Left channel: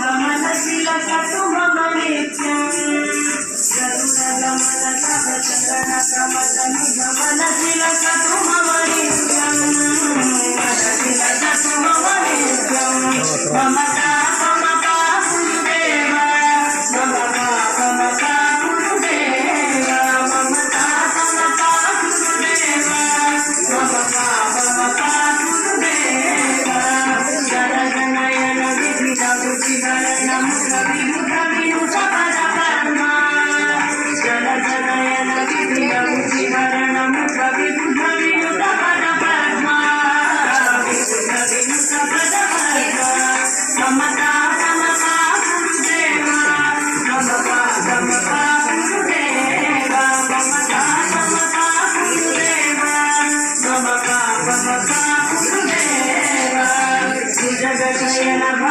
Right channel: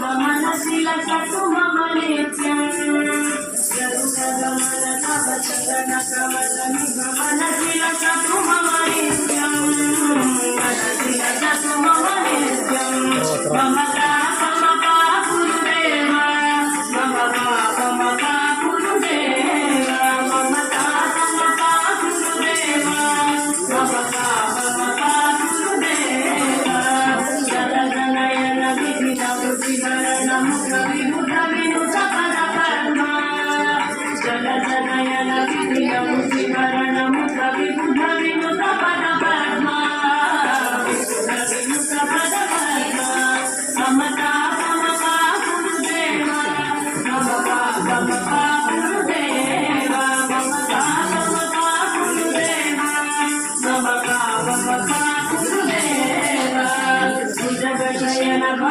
मनशिलसतु मम नित्यं गरुडगमन तव चरणकमलनिगमनशिलसतु मम नित्यं मनशिलसतु मम नित्यं मम पापमपा गुरुदेव मम पापमपा गुरुदेव मम पापमपा गुरुदेव मम पापमपा गुरुदेव जय जनयन विधित बुद्धिगण